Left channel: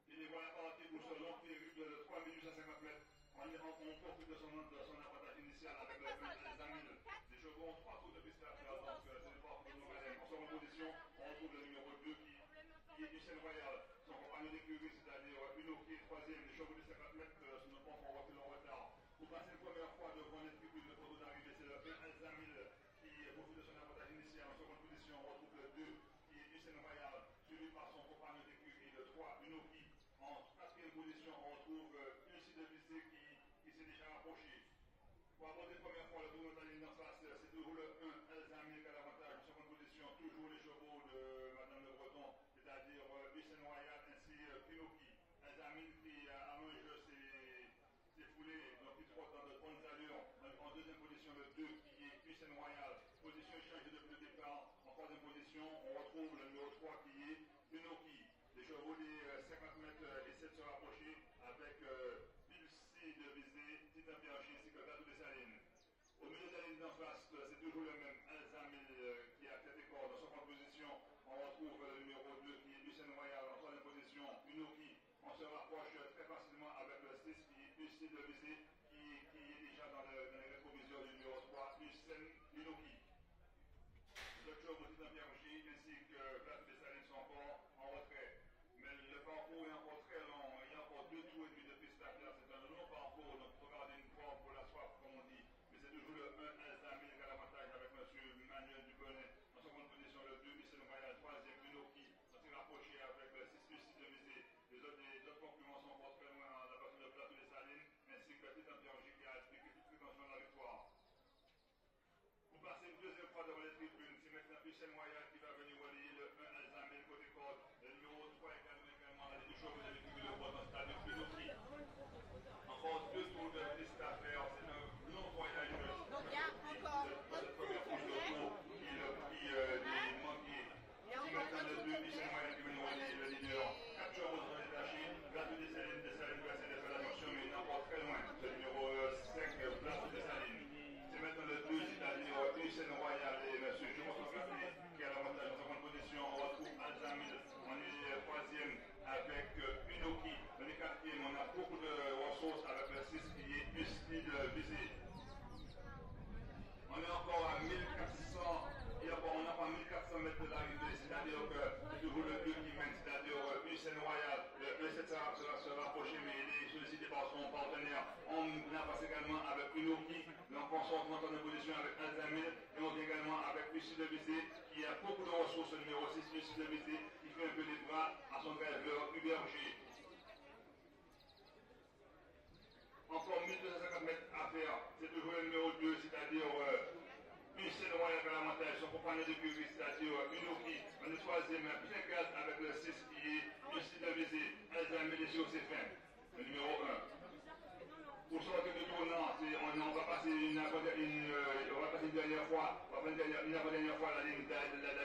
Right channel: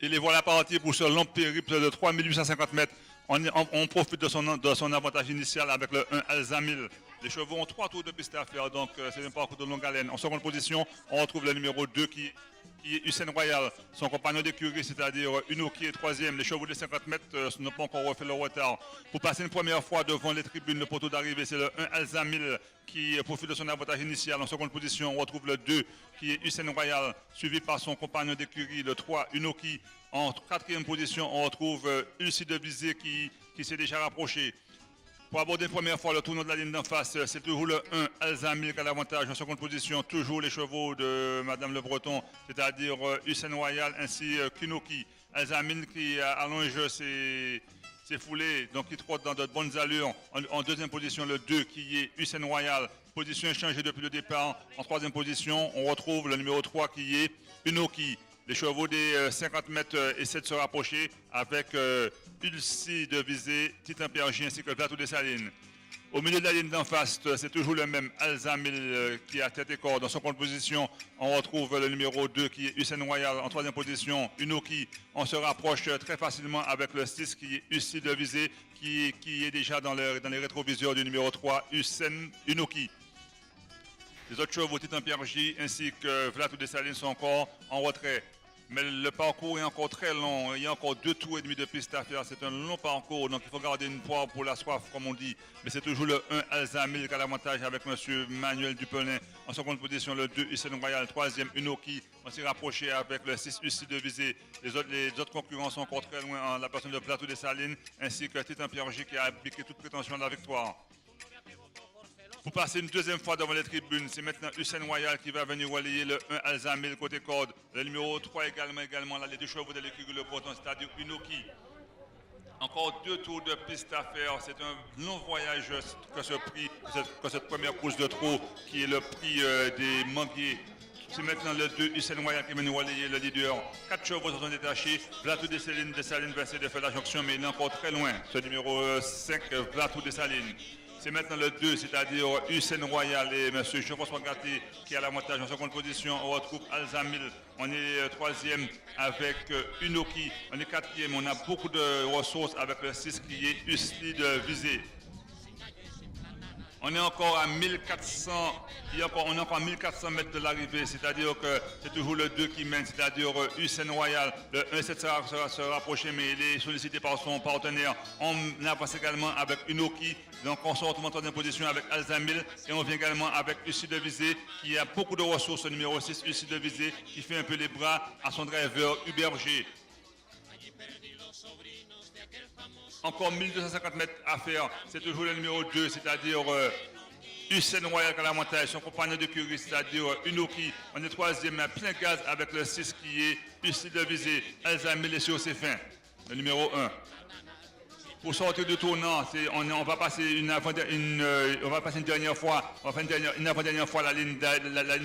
Et les voilà partis pour ce long périple de 3850 mètres. On profite de son avantage initial avec le 1 Alzamil. Les chevaux ont 3 tours de piste à faire, donc c'est un parcours de longue haleine. En seconde position, on retrouve le numéro 2 qui est Hussein Royal, son compagnon d'écurie, c'est-à-dire Uno qui est troisième. Les chevaux de 50 mètres n'ont pas encore refait le retard. Pour passer une première fois devant les tribunes, le poteau d'arrivée, c'est le 1 Alzamil qui profite de son avantage initial. En seconde position, on retrouve le 2 qui est Hussein Royal, suivi par son compagnon d'écurie, le 3 Unoki. En quatrième position, on retrouve Ulci de Visée qui s'est déjà rapproché. Pour aborder une première fois le tournoi de la ligne d'en face, c'est toujours le 1 Alzamil qui a l'avantage. En seconde position, toujours les chevaux de Madame Le Breton, c'est-à-dire Hussein Royal ainsi Kinoki. Alzamil qui allonge ses foulées, donc qui trotte dans de bonnes allures. En deuxième position, le 2 qui est Hussein Royal, position échangée depuis le départ. En troisième position, on retrouve le numéro 3 qui est Unoki. Les chevaux des 50 mètres essaient de se rapprocher avec Ulci de Visée, Titan Pergy ainsi que le Plateau des Salines. Au milieu de la ligne d'en face, c'est toujours le même Alzamil qui a tête et corps. Dans son compte position, on retrouve le numéro 2 qui est Hussein Royal. En troisième position, Unoki. On se rapproche très facilement avec le 6 qui est Ulci de Visée qui est déjà dans les rétroviseurs du numéro 3, Hussein Unoki. Les autres chevaux, Titan Pergy ainsi que Plateau des Salines sont encore en retrait. Mais le parcours est encore très long. Il y a encore 2 tours et demi de piste à faire. C'est un long parcours, donc il faut garder une poire pour la soif, comme on dit. Mais c'est toujours le 1 Alzamil qui a l'avantage avec M. Manuel Dupelin. En seconde position, le 2 Hussein Royal. Troisième, Unoki. On s'est rapproché avec le 6 Ulci de Visée. Les autres concurrents sont encore très loin. En la personne de Plateau des Salines, ainsi que Titan Pergy qui a appliqué toute prétention à la victoire. Pour passer une deuxième fois devant les tribunes, c'est maintenant Hussein Royal qui va venir relayer le 1 Alzamil côté corde. Le numéro 3 également là, les 2 chevaux de l'écurie Le Breton, c'est-à-dire Unoki. Encore 2 tours de piste à faire. C'est un long voyage que cette première course de trot qui est le prix des manguiers. C'est maintenant le 2 Hussein Royal qui va nous relayer le leader. 4 chevaux se sont détachés. Plateau des Salines va essayer de faire la jonction, mais il est encore très loin. Ce numéro 5, Plateau des Salines. C'est maintenant le 2, c'est-à-dire Hussein Royal et M. Jean-François Gatti qui a l'avantage en seconde position. On retrouve Alzamil. On est troisième avec Unoki. On est quatrième. On a beaucoup de ressources avec le 6 qui est Ulci de Visée. On est encore à 1400, on est encore à 1400 mètres de l'arrivée, c'est-à-dire que c'est toujours le 2 qui mène, c'est-à-dire Hussein Royal. Le 1 essaie de se rapprocher, mais il est sollicité par son partenaire. On avance également avec Unoki, donc on sort en troisième position avec Alzamil, et on vient également avec Ulci de Visée, qui a beaucoup de ressources, le numéro 6, Ulci de Visée, qui fait un peu les bras à son driver Hubert G. Encore 1250 mètres à faire, c'est toujours le numéro 2, c'est-à-dire Hussein Royal qui a l'avantage, son compagnon de curie, c'est-à-dire Unoki. On est troisième à plein gaz avec le 6 qui est Ulci de Visée. Alzamil est sur ses fins, le numéro 1. Pour sortir du tournant, on va passer une dernière fois, une avant-dernière fois la ligne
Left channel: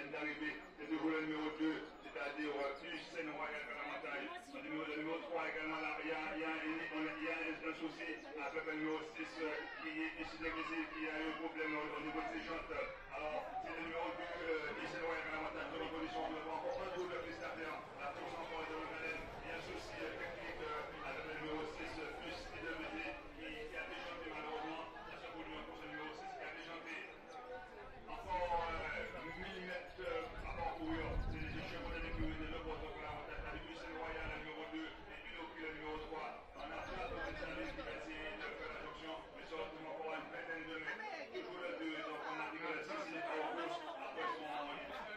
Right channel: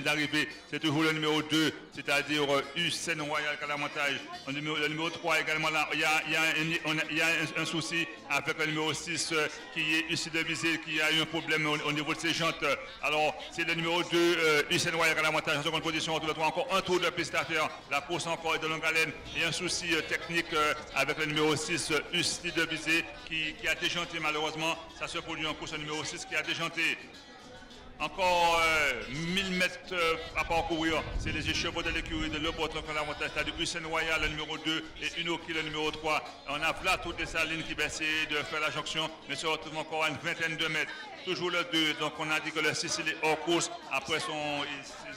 d'arrivée. C'est toujours le numéro 2, c'est-à-dire Hussein Royal qui a l'avantage. Le numéro 3 également là. Il y a un souci avec le numéro 6 qui est Ulci de Visée, qui a eu un problème au niveau de ses jantes. Alors, c'est le numéro 2, Hussein Royal qui a l'avantage en seconde position. On a encore un tour de piste à faire. La course encore est de longue haleine. Il y a un souci technique avec le numéro 6, Ulci de Visée. Qui a déjanté malheureusement, ça se produit en course au numéro 6 qui a déjanté. Encore 1000 mètres à parcourir, c'est les chevaux de l'écurie de Le Breton qui ont l'avantage, c'est-à-dire Hussein Royal le numéro 2 et Unoki le numéro 3. On a Plateau des Salines qui va essayer de faire la jonction, mais se retrouve encore à une vingtaine de mètres. Toujours le 2, donc on a dit que le 6 il est hors course, après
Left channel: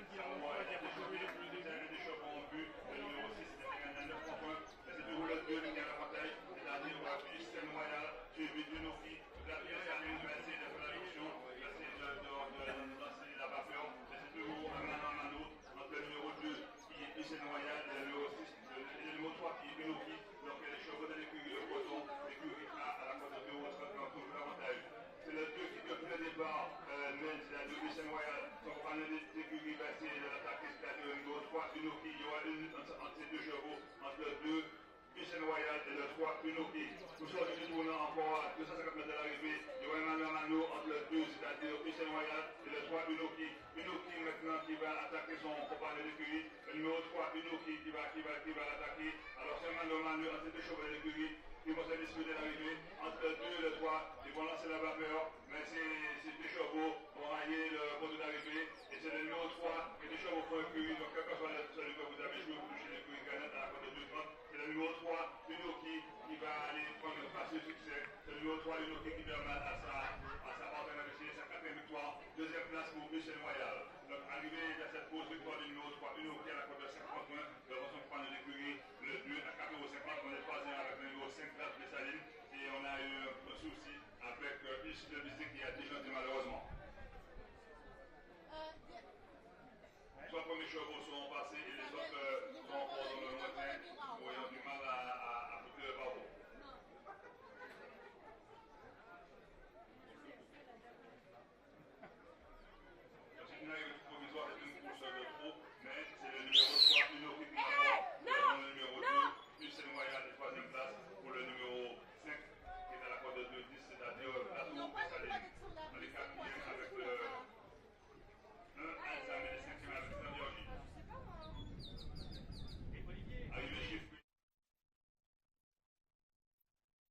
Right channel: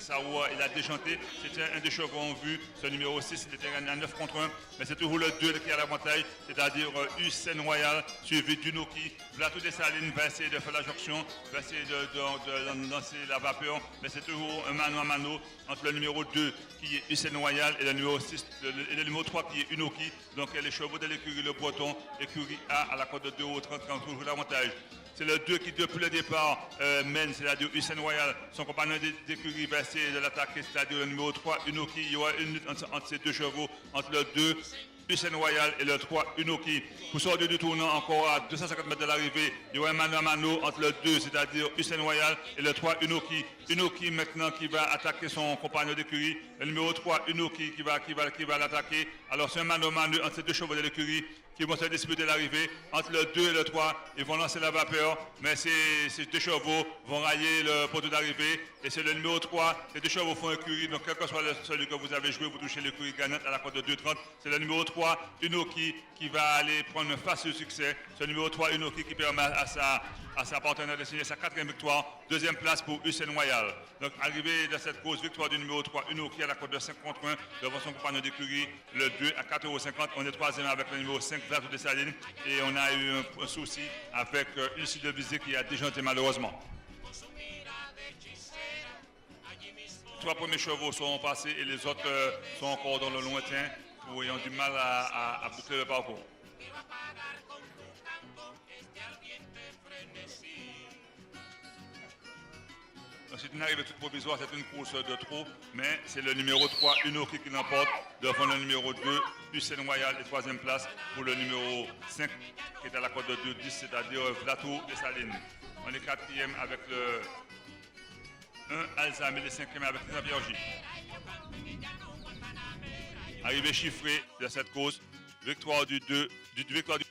il a déjanté, c'était un des chevaux en vue, ce numéro 6 il était gagné à 9 contre 1, mais c'est toujours le 2 qui a l'avantage, c'est-à-dire Hussein Royal, suivi d'Unoki. Plateau des Salines va essayer de faire la jonction, va essayer de lancer la vapeur, mais c'est toujours un mano à mano entre le numéro 2 qui est Hussein Royal et le numéro 6 et le numéro 3 qui est Unoki. Donc les chevaux de l'écurie Le Breton, écurie A à la cote de 2 ou 30 qui ont toujours l'avantage. C'est le 2 qui, depuis le départ, mène, c'est-à-dire Hussein Royal. Son compagnon d'écurie va essayer de l'attaquer, c'est-à-dire le numéro 3, Unoki. Il y aura une lutte entre ces 2 chevaux, entre le 2 Hussein Royal et le 3 Unoki. Pour sortir du tournant encore à 250 mètres de l'arrivée, il y aura un mano à mano entre le 2, c'est-à-dire Hussein Royal et le 3 Unoki. Unoki maintenant qui va attaquer son compagnon d'écurie. Le numéro 3 Unoki qui va l'attaquer. Alors c'est un mano à mano entre ces deux chevaux de l'écurie qui vont se disputer l'arrivée. Entre le 2 et le 3, ils vont lancer la vapeur, mais ces deux chevaux vont railler le poteau d'arrivée. Et c'est le numéro 3, ces deux chevaux font écurie, donc quel que soit celui que vous avez joué, vous touchez l'écurie gagnante à la cote de 2,30. C'est le numéro 3, Unoki, qui va aller prendre un facile succès. C'est le numéro 3, Unoki, qui permet à sa partenaire de signer sa 4e victoire. 2e place pour Hussein Royal. Donc arrivé de cette course, victoire du numéro 3, Unoki à la cote de 5 contre 1 devant son compagnon d'écurie, le 2 à 4,50 €. On est 3e avec le numéro 5, Vlad de Saline. Et on a eu un souci avec Lucie de Bizet qui a déjanté malheureusement. 3 premiers chevaux sont passés et les autres sont encore dans le lointain où ils ont du mal à boucler le parcours. C'est une arrivée toute provisoire, c'est une course de trop, mais c'est le numéro 3, Unoki, qui l'emporte devant le numéro 2, Hussein Royal, et 3e place pour le numéro 5, qui est à la cote de 2,10, c'est-à-dire Vlato et Saline. On est 4e avec le 1, Alzheimer, et 5e avec la Viergie. Arrivée chiffrée de cette course, victoire du 2, victoire du